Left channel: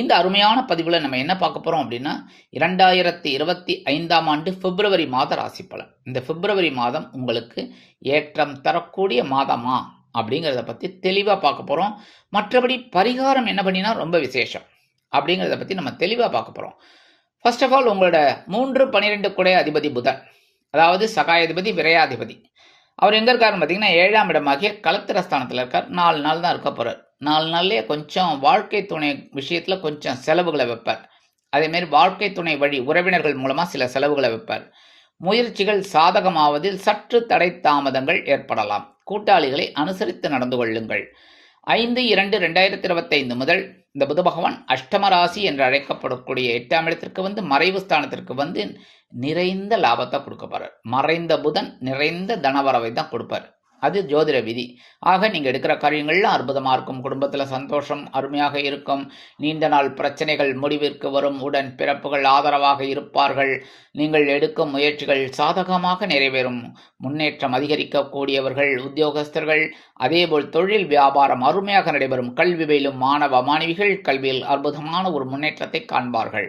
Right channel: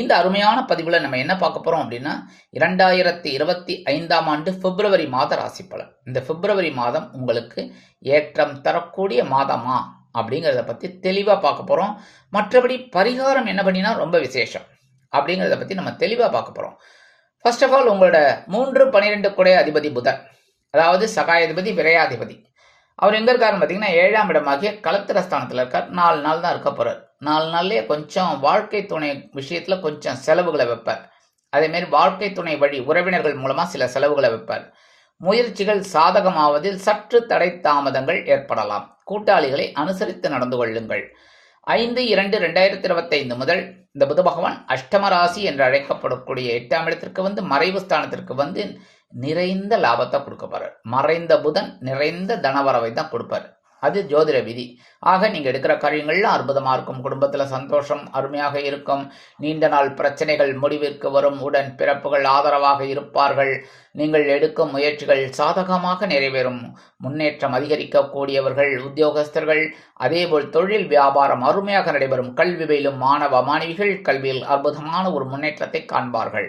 இந்த அருமையான பதிவில் நம்ம என்ன பார்க்க போகிறோம் அப்படின்னா இரண்டாயிரத்தி இருபத்தி ஐந்தாம் ஆண்டு பிப்ரவரி மாத ராசி பலன். இந்த பிப்ரவரி மாதம் உங்களுக்கு ஏற்றம் தரக்கூடிய மாதமா அப்படிங்கிறத பற்றி தெளிவாக பார்க்க போகிறோம் மற்றபடி பரிகாரம் என்ன பண்ணினா ரொம்ப விசேஷம் அப்படிங்கிறத பற்றி நம்ம தெளிவாக பார்க்க போகிறோம் ஃபர்ஸ்ட் ஆஃப் ஆல் உங்களோட மூன்று பன்னிரெண்டு குடைய அதிபதி புதன். அதாவது சகாயாதிபதி விரையாதிபதி. அவர் எங்கே இருக்காருன்னு பார்த்தீங்கன்னா ஏழாம் இடமாகிய கலத்திரஸ்தானத்தில் இருக்கார். நாலு நாள் தான் இருக்க போகிறார் நாலு நாள்லேயே கொஞ்சம் வாழ்க்கை துணை விஷயத்தில் கொஞ்சம் செலவுகளை வைப்பார். அதேமாரி வாழ்க்கை துணை வழி உறவினர்கள் மூலமாக சில செலவுகளை வைப்பார். முயற்சிகள் சாதகமாவதில் சற்று தடை தாமதங்கள் ஏற்படலாம். கூட்டாளிகளை அனுசரித்து நடந்து கொள்ளுங்கள். ஐந்து இரண்டு ரெண்டாயிரத்தி இருபத்தைந்து முதல் இந்த புத பகவான் அஷ்டமராசி என்று அழைக்கப்படக்கூடிய எட்டாம் இடத்திற்கு வந்து மறைவு ஸ்தானத்திற்கு வந்து நிறைந்த லாபத்தை கொடுக்க போறார். மறைந்த புதன் நிறைந்த தனவரவை தான் கொடுப்பார். அது ஜோதிட விதி. ஆக நீங்கள் எடுக்கிற காரியங்கள்ல அற்புதமாக இருக்கும். குடும்பத்தில் சந்தோஷம் அருமையாக இருக்கும். நீண்ட நாள் பிரச்சனைகள் முடிவிற்கு வரும். உடன் பிறப்புகள் ஆதரவாக இருப்பார்கள். நீங்கள் எடுக்கும் முயற்சிகள் சாதகமாக நிறைவேறும். முன்னேற்றம் அதிகரிக்கக்கூடியவர்கள் உத்தியோகஸ்தர்கள் அதேபோல் தொழில் வியாபாரம் அருமையாக நடைபெறும். கல்வி பயிலும் மாணவ மாணவிகள் கல்வியில் அற்புதமான ஒரு முன்னேற்றத்தை காண்பார்கள்.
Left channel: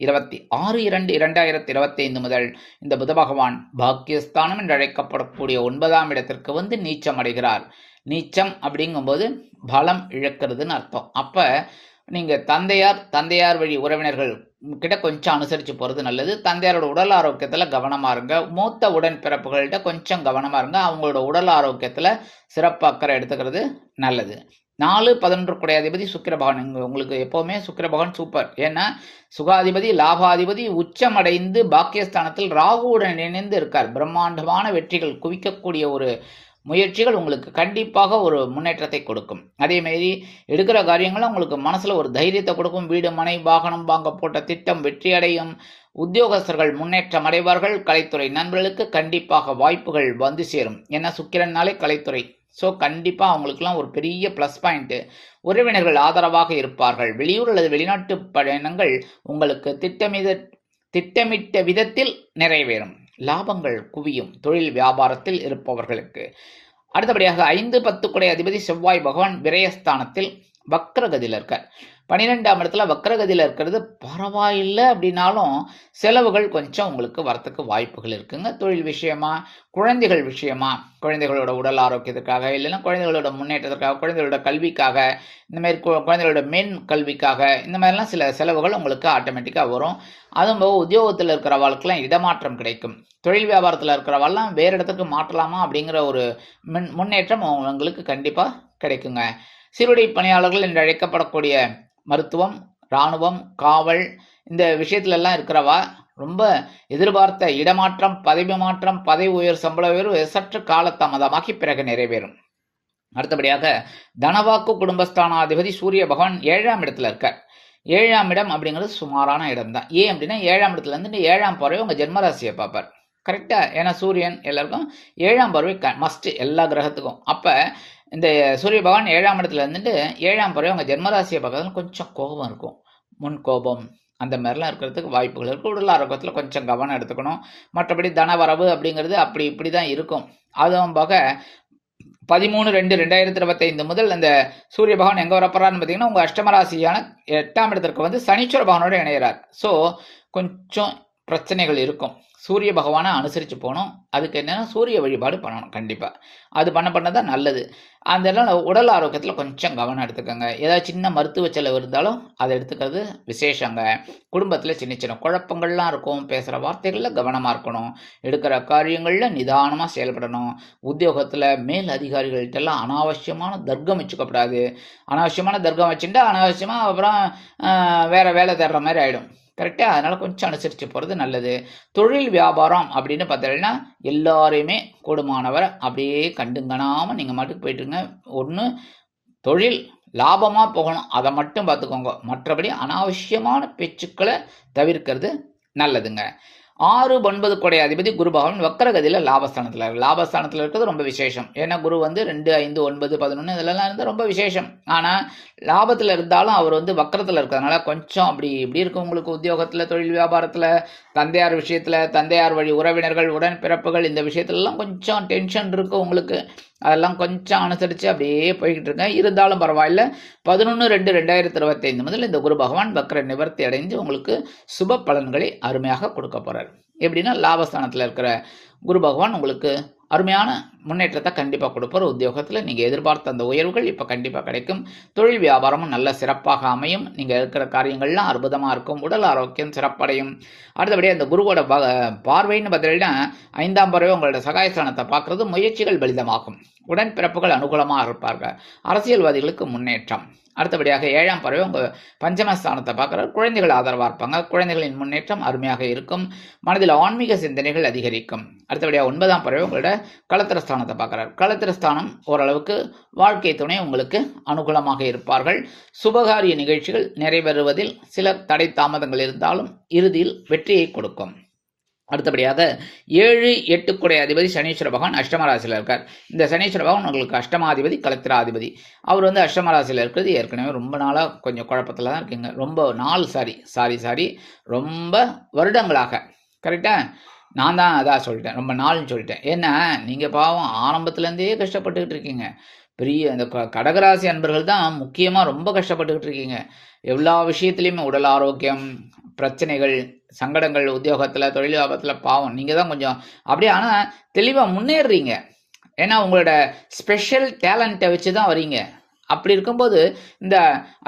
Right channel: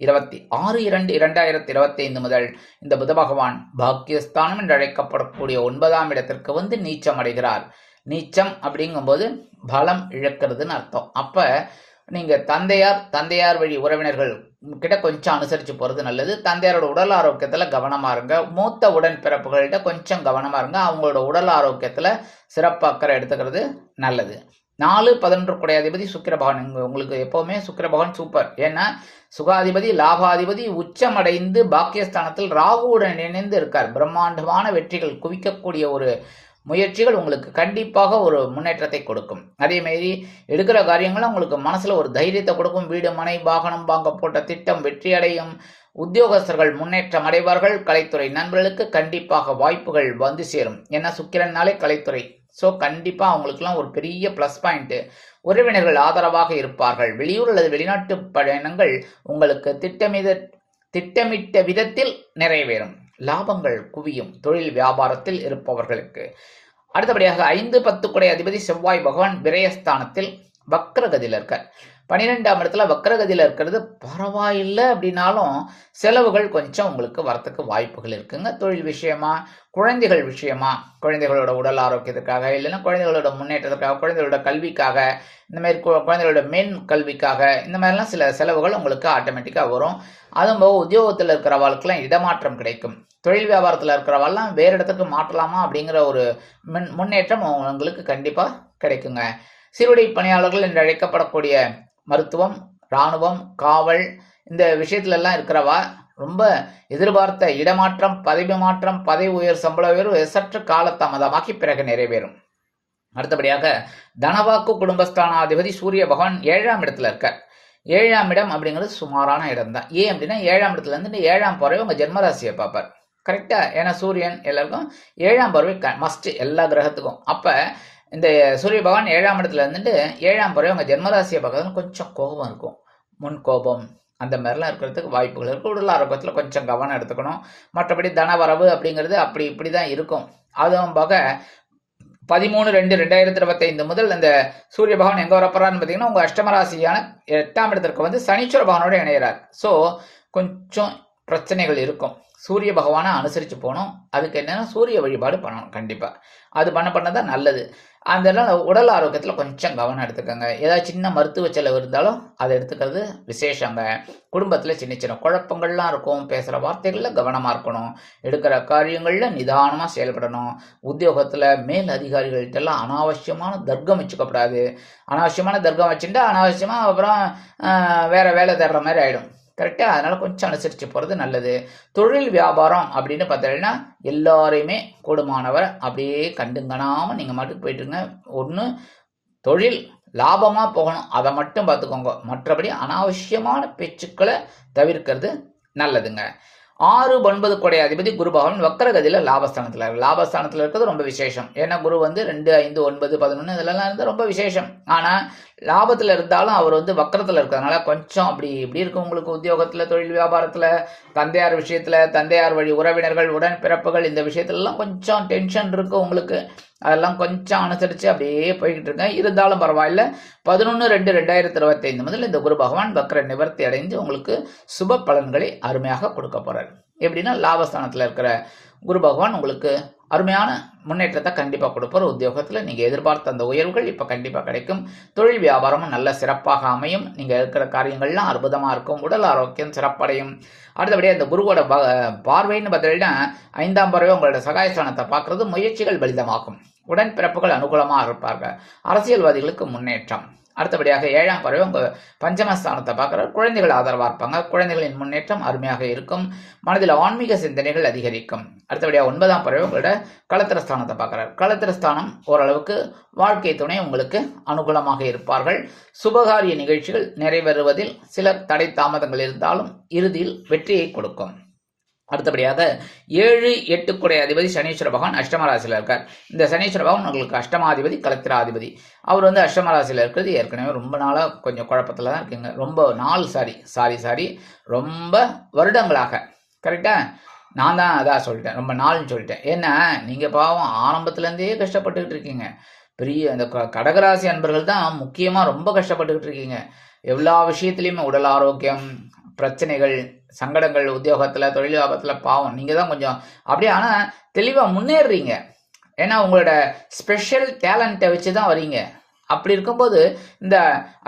இருபத்தி ஆறு இரண்டு இரண்டாயிரத்தி இருபத்தி ஐந்து முதல் இந்த புத பகவான் பாக்கியஸ்தானம் என்று அழைக்கப்படக்கூடிய ஒன்பதாம் இடத்திற்கு வந்து நீச்சம் அடைகிறார். நீச்சம் அப்படிங்கும்போது பலம் இழக்கிறதுன்னு அர்த்தம். அப்போ நீங்கள் தந்தையார் தந்தையார் வழி உறவினர்கள் கிட்ட கொஞ்சம் அனுசரித்து போகிறது நல்லது. தந்தையாரோட உடல் ஆரோக்கியத்தில் கவனமாக இருங்க. மூத்த உடன் பிறப்புகள்கிட்ட கொஞ்சம் கவனமாக இருங்க. அவங்களோட உடல் ஆரோக்கியத்தில் சிறப்பாக்கரை எடுத்துக்கிறது நல்லது. நாலு பதினொன்று குடையாதிபதி சுக்கிர பகவான் உங்களுக்கு எப்போவுமே சுக்கிர பகவான் சூப்பர் ஏன்னா சுகாதிபதி லாபாதிபதி உச்சமடைந்து பாக்கியஸ்தானத்தில் ராகுவுடன் இணைந்து இருக்கார். பிரம்மாண்டமான வெற்றிகள் குவிக்கக்கூடிய ஒரு முயற்சிகள் உங்களுக்கு கண்டிப்பாக ஒரு முன்னேற்றத்தை கொடுக்கும். அதேமாரி எடுக்கிற காரியங்களும் உங்களுக்கு மனசில் ஒரு தைரியத்தை கொடுக்கும். வீடு மனை வாகனம் வாங்க போட்ட திட்டம் வெற்றியடையும் உத்தியோகஸ்தர்கள் முன்னேற்றம் அடைவார்கள். கலைத்துறை நண்பர்களுக்கு கண்டிப்பாக வாய்ப்புகள் வந்து சேரும். ஏன்னா சுக்கிரன்னாலே கலைத்துறை. ஸோ கண்டிப்பாக அவங்களுக்குலாம் ஒரு பெரிய ப்ளஸ் பாயிண்ட்டு உறவினர்கள் ஆதரவாக இருப்பார்கள். வெளியூர் அல்லது வெளிநாட்டு பயணங்கள் உங்களுக்கு திட்டமித திட்டமிட்ட விதத்தில் நிறைவேறும். லாபங்கள் குவியும். தொழில் வியாபாரத்தில் இருப்பவர்களுக்கு. அடுத்தபடியாக ஐந்து பத்து குடை அதிபதி செவ்வாய் பகவான் விரயஸ்தானத்தில் வக்ரகதியில் இருக்கார். பன்னிரெண்டாம் இடத்துல வக்கரகதியில் இருக்கிறது பரவாயில்லை அப்படின்னாலும் செலவுகள் கொஞ்சம் உங்களுக்கு வரத்துக்கு வாய்ப்புகள் இருக்குங்க. தொழில் விஷயமா குழந்தைகள் விஷயமா குழந்தைகளோட உடல் ஆரோக்கியத்துக்காக இல்லைன்னா குழந்தைகளோட முன்னேற்றத்துக்காக குழந்தைகளோட கல்விக்காக இந்த மாதிரி கு- குழந்தைகளோட மேன் கல்விக்காக இந்த மாதிரிலாம் சில செலவுகள் உங்களுக்கு ஆட்டோமேட்டிக்காக வரும். அதுவும் போக உத்தியோகத்தில் இருக்கிறவாளுக்கெல்லாம் இடமாற்றம் கிடைக்கும். தொழில் வியாபாரத்தில் இருக்கிறவாள்லாம் வேறு இடத்துக்கு மாற்றலாமா அப்படிங்கிற ஒரு முன் முன்னேற்றம் உங்களுக்கு கண்டிப்பாக கிடைக்குங்க. சீருடை பணியாளர்கள் என்று அழைக்கப்படக்கூடிய மருத்துவம் இராணுவம் காவல் இந்த விஷயத்துல எல்லாம் இருக்கிறவா ரொம்ப எதிர்பார்த்த இடமாற்றம் பதவி மாற்றம் பதவி உயர் சம்பள உயர்வு சற்று காலதாமதமாகி பிறகு நிறைவேறும். அடுத்தபடியாக தனவாக்கு குடும்பஸ்தானாதிபதி சூரிய பகவான் ஏழாம் இடத்துல இருக்கார். ஏழாம் இடம் அப்படிங்கிறது சுமாரான இடம் தான் ஏன் அப்படின்னா ஏழாம் இடத்துல இருந்து ஏழாம் பறவை உங்கள் ஜென்மராசியை பார்ப்பார். கரெக்டாக ஏன்னா சூரியன் எல்லாருக்கும் ஏழாம் பறவை க மஸ்ட் எல்லா கிரகத்துக்கும். அப்போ இந்த சூரிய பகவான் ஏழாம் இடத்துல இருந்துட்டு ஏழாம் பறவை உங்கள் ஜென்மராசியை பார்க்கறதுல கொஞ்சம் கோபம் இருக்கும். முன் கோபம் அந்த மாதிரிலாம் இருக்கிறதுக்கு வாய்ப்புகள் இருக்குது உடல் ஆரோக்கியத்தில் கொஞ்சம் கவனம் எடுத்துக்கணும். மற்றபடி தனவரவு அப்படிங்கிறது அப்படி இப்படி தான் இருக்கும். அதுவும் போக பதிமூணு ரெண்டு ரெண்டாயிரத்தி இருபத்தைந்து முதல் அந்த சூரிய பகவான் எங்கே வரப்போறான்னு பார்த்தீங்கன்னா உங்கள் அஷ்டமராசியான எட்டாம் இடத்திற்கு வந்து சனீஸ்வர பகவானோடு இணையிறார். ஸோ கொஞ்சம் பிரச்சனைகள் இருக்கும். சூரிய பகவானை அனுசரித்து போகணும். அதுக்கு என்னென்னா சூரிய வழிபாடு பண்ணணும் கண்டிப்பாக அது பண்ண பண்ண தான் நல்லது. அதெல்லாம் உடல் ஆரோக்கியத்தில் கொஞ்சம் கவனம் எடுத்துக்கோங்க. ஏதாவது சின்ன மருத்துவ செலவு இருந்தாலும் அதை எடுத்துக்கிறது விசேஷங்க. குடும்பத்தில் சின்ன சின்ன குழப்பங்கள்லாம் இருக்கும். பேசுகிற வார்த்தைகளில் கவனமாக இருக்கணும். எடுக்கிற காரியங்களில் நிதானமாக செயல்படணும். உத்தியோகத்தில் மேல் அதிகாரிகள்கிட்டலாம் அனாவசியமான தர்க்கம் வச்சுக்கப்படாது. அனாவசியமான தர்க்கம் வச்சுட்டா அனாவசியமாக அப்புறம் வேறு வேலை தேடுற மாதிரி ஆகிடும் கரெக்டாக அதனால் கொஞ்சம் அனுசரித்து போகிறது நல்லது. தொழில் வியாபாரம் அப்படின்னு பார்த்தீங்கன்னா எல்லாரையுமே கூடுமானவரை அப்படியே கண்டுங்கனாமல் நீங்கள் மட்டும் போயிட்டுருங்க ஒன்று தொழில் லாபமாக போகணும். அதை மட்டும் பார்த்துக்கோங்க. மற்றபடி அனாவசியமான பேச்சுக்களை தவிர்க்கிறது நல்லதுங்க. ஆறு ஒன்பது கொடை அதிபதி குரு பகவான் வக்கரகதியில் லாபஸ்தானத்தில். லாபஸ்தானத்தில் இருக்கிறது ரொம்ப விசேஷம். ஏன்னா குரு வந்து ரெண்டு ஐந்து ஒன்பது பதினொன்று இதெல்லாம் இருந்தால் ரொம்ப விசேஷம். ஆனால் லாபத்தில் இருந்தாலும் அவர் வந்து வக்கரத்தில் இருக்கிறதுனால கொஞ்சம் அப்படி இப்படி இருக்கும் உங்களுக்கு உத்தியோகத்தில் தொழில் வியாபாரத்தில் தந்தையார் விஷயத்தில் தந்தையார் வழி உறவினர்கள் உடன் பிறப்புகள் இந்த விஷயத்துலலாம் கொஞ்சம் டென்ஷன் இருக்கும் உங்களுக்கு. அதெல்லாம் கொஞ்சம் அனுசரித்து அப்படியே போய்கிட்டு இருக்கேன். இருந்தாலும் பரவாயில்ல. பதினொன்று ரெண்டு ரெண்டாயிரத்தி இருபத்தைந்து முதல் இந்த குரு பகவான் வக்கர நிவர்த்தி அடைந்து உங்களுக்கு சுப பலன்களை அருமையாக கொடுக்க போகிறார் எப்படின்னா லாபஸ்தானத்தில் இருக்கிற குரு பகவான் உங்களுக்கு அருமையான முன்னேற்றத்தை கண்டிப்பாக கொடுப்பார். உத்தியோகத்தில் நீங்கள் எதிர்பார்த்த அந்த உயர்வுகள் இப்போ கண்டிப்பாக கிடைக்கும். தொழில் வியாபாரமும் நல்ல சிறப்பாக அமையும். நீங்கள் இருக்கிற காரியங்கள்லாம் அற்புதமாக இருக்கும். உடல் ஆரோக்கியம் சிறப்படையும். அடுத்தபடியே அந்த குருவோட ப பார்வைன்னு பார்த்தீங்கன்னா ஐந்தாம் பறவை உங்களோட சகாயஸ்தானத்தை பார்க்குறது முயற்சிகள் பலிதமாகும். உடன்பிறப்புகள் அனுகூலமாக இருப்பார்கள். அரசியல்வாதிகளுக்கு முன்னேற்றம். அடுத்தபடியாக ஏழாம் பறவை உங்கள் பஞ்சமஸ்தானத்தை பார்க்குற குழந்தைகள் ஆதரவாக இருப்பாங்க குழந்தைகளின் முன்னேற்றம் அருமையாக இருக்கும். மனதில் ஆன்மீக சிந்தனைகள் அதிகரிக்கும். அடுத்தபடியாக ஒன்பதாம் பறவை உங்களோட களத்திரஸ்தானத்தை பார்க்குறார். களத்திரஸ்தானம் ஓரளவுக்கு வாழ்க்கை துணை உங்களுக்கு அனுகூலமாக இருப்பார்கள். சுபகாரிய நிகழ்ச்சிகள் நிறைவேறுவதில் சில தடை தாமதங்கள் இருந்தாலும் இறுதியில் வெற்றியை கொடுக்கும். அடுத்தபடியாக ஏழு எட்டு அதிபதி சனீஸ்வர பகவான் அஷ்டமராசியில் இருக்கார். இந்த சனீஸ்வர பகவான் உங்களுக்கு அஷ்டமாதிபதி கலத்திராதிபதி. அவர் வந்து அஷ்டமராசியில் இருக்கிறது. ஏற்கனவே ரொம்ப நாளாக கொஞ்சம் குழப்பத்தில் தான் இருக்குங்க. ரொம்ப நாள் சாரி சாரி சாரி. ரொம்ப வருடங்களாக. கரெக்டாக நான் தான் அதான் சொல்லிட்டேன். ரொம்ப நாள்னு சொல்லிட்டேன். ஏன்னா நீங்கள் பாவம் ஆரம்பத்துலேருந்தே கஷ்டப்பட்டுக்கிட்டு இருக்கீங்க. பெரிய அந்த க- கடகராசி அன்பர்கள் தான் முக்கியமாக ரொம்ப கஷ்டப்பட்டுக்கிட்டு இருக்கீங்க. எல்லா விஷயத்துலையுமே உடல் ஆரோக்கியம் பிரச்சனைகள் சங்கடங்கள் உத்தியோகத்தில் தொழில் வியாபாரத்தில் பாவம். நீங்கள் தான் கொஞ்சம் அப்படியே ஆனால் தெளிவாக முன்னேறுறீங்க. ஏன்னா உங்களோட ஸ்பெஷல் டேலண்ட்டை வச்சு தான் வரீங்க அப்படி இருக்கும்போது இந்த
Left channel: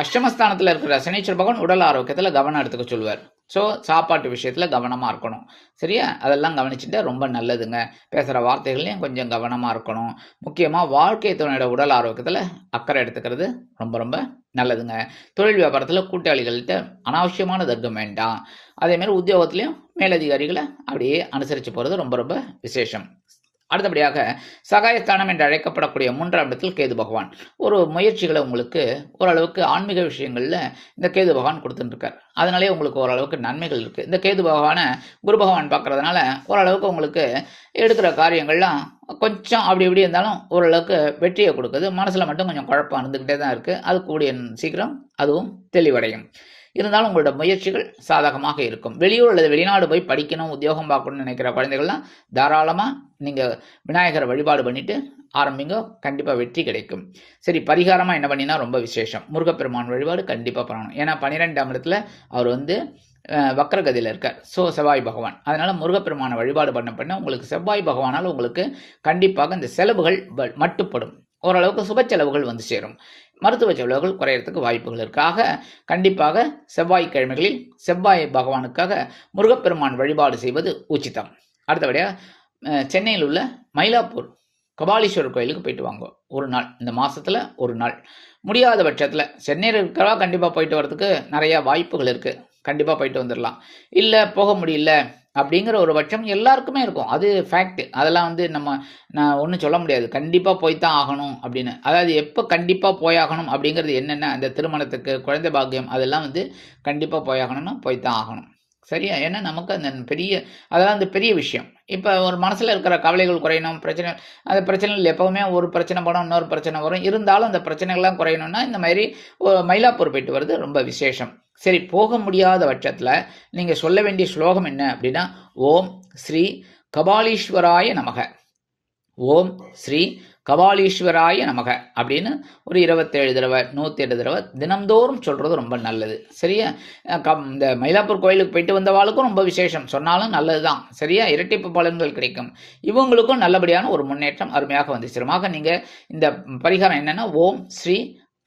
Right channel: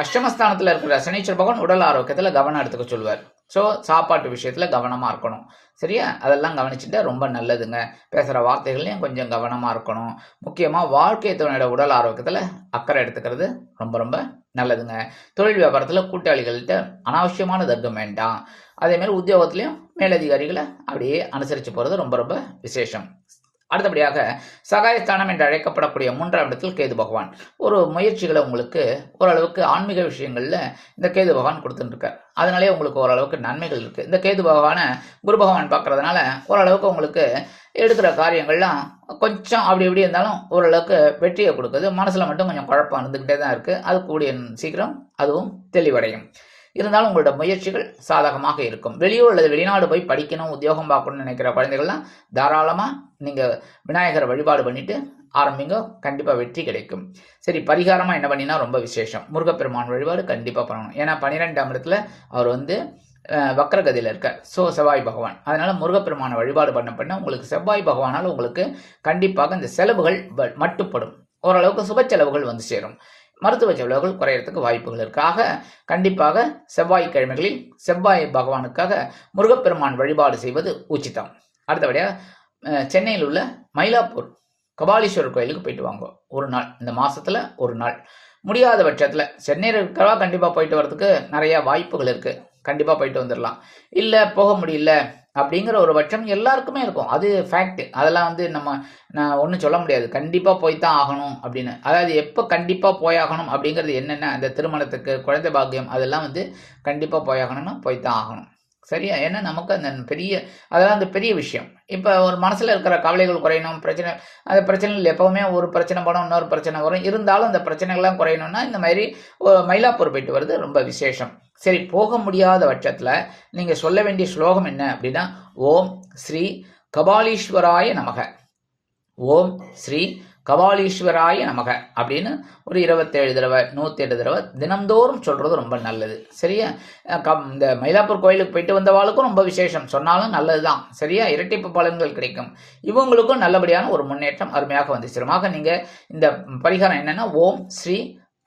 அஷ்டமஸ்தானத்தில் இருக்கிற சனீஸ்வர பகவான் உடல் ஆரோக்கியத்தில் கவனம் எடுத்துக்க சொல்லுவார். ஸோ சாப்பாட்டு விஷயத்தில் கவனமாக இருக்கணும். சரியா? அதெல்லாம் கவனிச்சுட்டு ரொம்ப நல்லதுங்க. பேசுகிற வார்த்தைகள்லையும் கொஞ்சம் கவனமாக இருக்கணும். முக்கியமாக வாழ்க்கை துணையோட உடல் ஆரோக்கியத்தில் அக்கறை எடுத்துக்கிறது ரொம்ப ரொம்ப நல்லதுங்க. தொழில் வியாபாரத்தில் கூட்டாளிகள்கிட்ட அனாவசியமான தர்க்கம் வேண்டாம். அதேமாதிரி உத்தியோகத்துலேயும் மேலதிகாரிகளை அப்படியே அனுசரித்து போகிறது ரொம்ப ரொம்ப விசேஷம். அடுத்தபடியாக சகாயஸ்தானம் என்று அழைக்கப்படக்கூடிய மூன்றாம் இடத்தில் கேது பகவான். ஒரு முயற்சிகளை உங்களுக்கு ஓரளவுக்கு ஆன்மீக விஷயங்களில் இந்த கேது பகவான் கொடுத்துட்டுருக்கார். அதனாலே உங்களுக்கு ஓரளவுக்கு நன்மைகள் இருக்குது இந்த கேது பகவானை குரு பகவான் பார்க்கறதுனால ஓரளவுக்கு உங்களுக்கு எடுக்கிற காரியங்கள்லாம் கொஞ்சம் அப்படி இப்படி இருந்தாலும் ஓரளவுக்கு வெற்றியை கொடுக்குது. மனசில் மட்டும் கொஞ்சம் குழப்பம் இருந்துக்கிட்டே தான் இருக்குது அது கூடிய சீக்கிரம் அதுவும் தெளிவடையும். இருந்தாலும் உங்களோட முயற்சிகள் சாதகமாக இருக்கும். வெளியூர் அல்லது வெளிநாடு போய் படிக்கணும் உத்தியோகம் பார்க்கணும்னு நினைக்கிற குழந்தைகள்லாம் தாராளமாக நீங்கள் விநாயகரை வழிபாடு பண்ணிவிட்டு ஆரம்பிங்க. கண்டிப்பாக வெற்றி கிடைக்கும். சரி பரிகாரமாக என்ன பண்ணினா ரொம்ப விசேஷம். முருகப்பெருமான் வழிபாடு கண்டிப்பாக பண்ணணும். ஏன்னா பன்னிரெண்டாம் இடத்துல அவர் வந்து அஹ், வக்ரகதியில் இருக்கார். ஸோ செவ்வாய் பகவான். அதனால் முருகப்பெருமானை வழிபாடு பண்ண பண்ண உங்களுக்கு செவ்வாய் பகவானால் உங்களுக்கு கண்டிப்பாக இந்த செலவுகள் வ- மட்டுப்படும். ஓரளவுக்கு சுப செலவுகள் வந்து சேரும். மருத்துவ செலவுகள் குறையறதுக்கு வாய்ப்புகள் இருக்காக ஆக கண்டிப்பாக செவ்வாய்க்கிழமைகளில் செவ்வாய் பகவானுக்காக முருகப்பெருமான் வழிபாடு செய்வது உச்சிதம். அடுத்தபடியாக சென்னையில் உள்ள மயிலாப்பூர் கபாலீஸ்வரர் கோயிலுக்கு போயிட்டு வாங்க. ஒரு நாள். இந்த மாதத்தில் ஒரு நாள். முடியாத பட்சத்தில் சென்னையில் இருக்கிறவா கண்டிப்பாக போயிட்டு வரதுக்கு நிறையா வாய்ப்புகள் இருக்குது கண்டிப்பாக போயிட்டு வந்துடலாம் இல்லை போக முடியல. அப்படிங்கிற ஒரு பட்சம் எல்லாருக்குமே இருக்கும். அது ஃபேக்ட் அதெல்லாம் வந்து நம்ம நான் ஒன்றும் சொல்ல முடியாது. கண்டிப்பாக போய் தான் ஆகணும் அப்படின்னு. அதாவது எப்போ கண்டிப்பாக போயாகணும் அப்படிங்கிறது என்னென்ன அந்த திருமணத்துக்கு குழந்தை பாக்கியம் அதெல்லாம் வந்து கண்டிப்பாக போயாகணும்னா போய் தான் ஆகணும். சரியா? ஏன்னா நமக்கு அந்த பெரிய அதெல்லாம் அந்த பெரிய விஷயம். இப்போ ஒரு மனசில் இருக்கிற கவலைகள் குறையணும் பிரச்சனை அந்த பிரச்சனைகள் எப்போவுமே ஒரு பிரச்சனை போனால் இன்னொரு பிரச்சனை வரும். இருந்தாலும் அந்த பிரச்சனைகள்லாம் குறையணும்னா இந்த மாதிரி மயிலாப்பூர் போயிட்டு வருது ரொம்ப விசேஷம். சரி போக முடியாத பட்சத்தில் நீங்கள் சொல்ல வேண்டிய ஸ்லோகம் என்ன அப்படின்னா ஓம் ஸ்ரீ கபாலீஸ்வராய நமக. ஓம் ஸ்ரீ கபாலீஸ்வராய நமக அப்படின்னு ஒரு இருபத்தேழு தடவை நூற்றி எட்டு தடவை தினந்தோறும் சொல்கிறது ரொம்ப நல்லது. சரியா? கம் இந்த மயிலாப்பூர் கோயிலுக்கு போயிட்டு வந்தவாளுக்கும் ரொம்ப விசேஷம். சொன்னாலும் நல்லது தான் சரியா? இரட்டிப்பு பலன்கள் கிடைக்கும். இவங்களுக்கும் நல்லபடியான ஒரு முன்னேற்றம் அருமையாக வந்து நீங்கள் இந்த பரிகாரம் என்னென்னா ஓம் ஸ்ரீ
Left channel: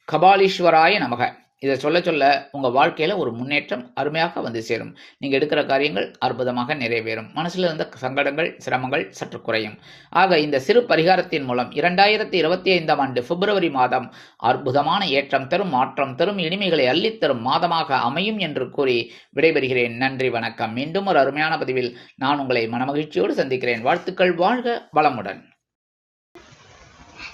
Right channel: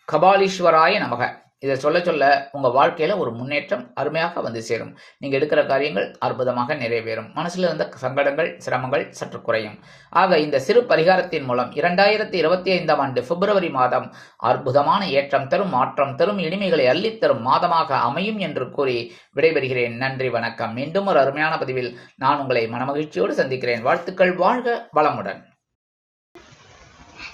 கபாலீஸ்வராய நமக. இதை சொல்ல சொல்ல உங்கள் வாழ்க்கையில் ஒரு முன்னேற்றம் அருமையாக வந்து சேரும். நீங்கள் எடுக்கிற காரியங்கள் அற்புதமாக நிறைவேறும். மனசில் இருந்த சங்கடங்கள் சிரமங்கள் சற்று குறையும். ஆக இந்த சிறு பரிகாரத்தின் மூலம் இரண்டாயிரத்தி இருபத்தி ஐந்தாம் ஆண்டு பிப்ரவரி மாதம் அற்புதமான ஏற்றம் தரும் மாற்றம் தரும் இனிமைகளை அள்ளித்தரும் மாதமாக அமையும் என்று கூறி விடைபெறுகிறேன். நன்றி வணக்கம். மீண்டும் ஒரு அருமையான பதிவில் நான் உங்களை மனமகிழ்ச்சியோடு சந்திக்கிறேன். வாழ்த்துக்கள். வாழ்க வளமுடன்.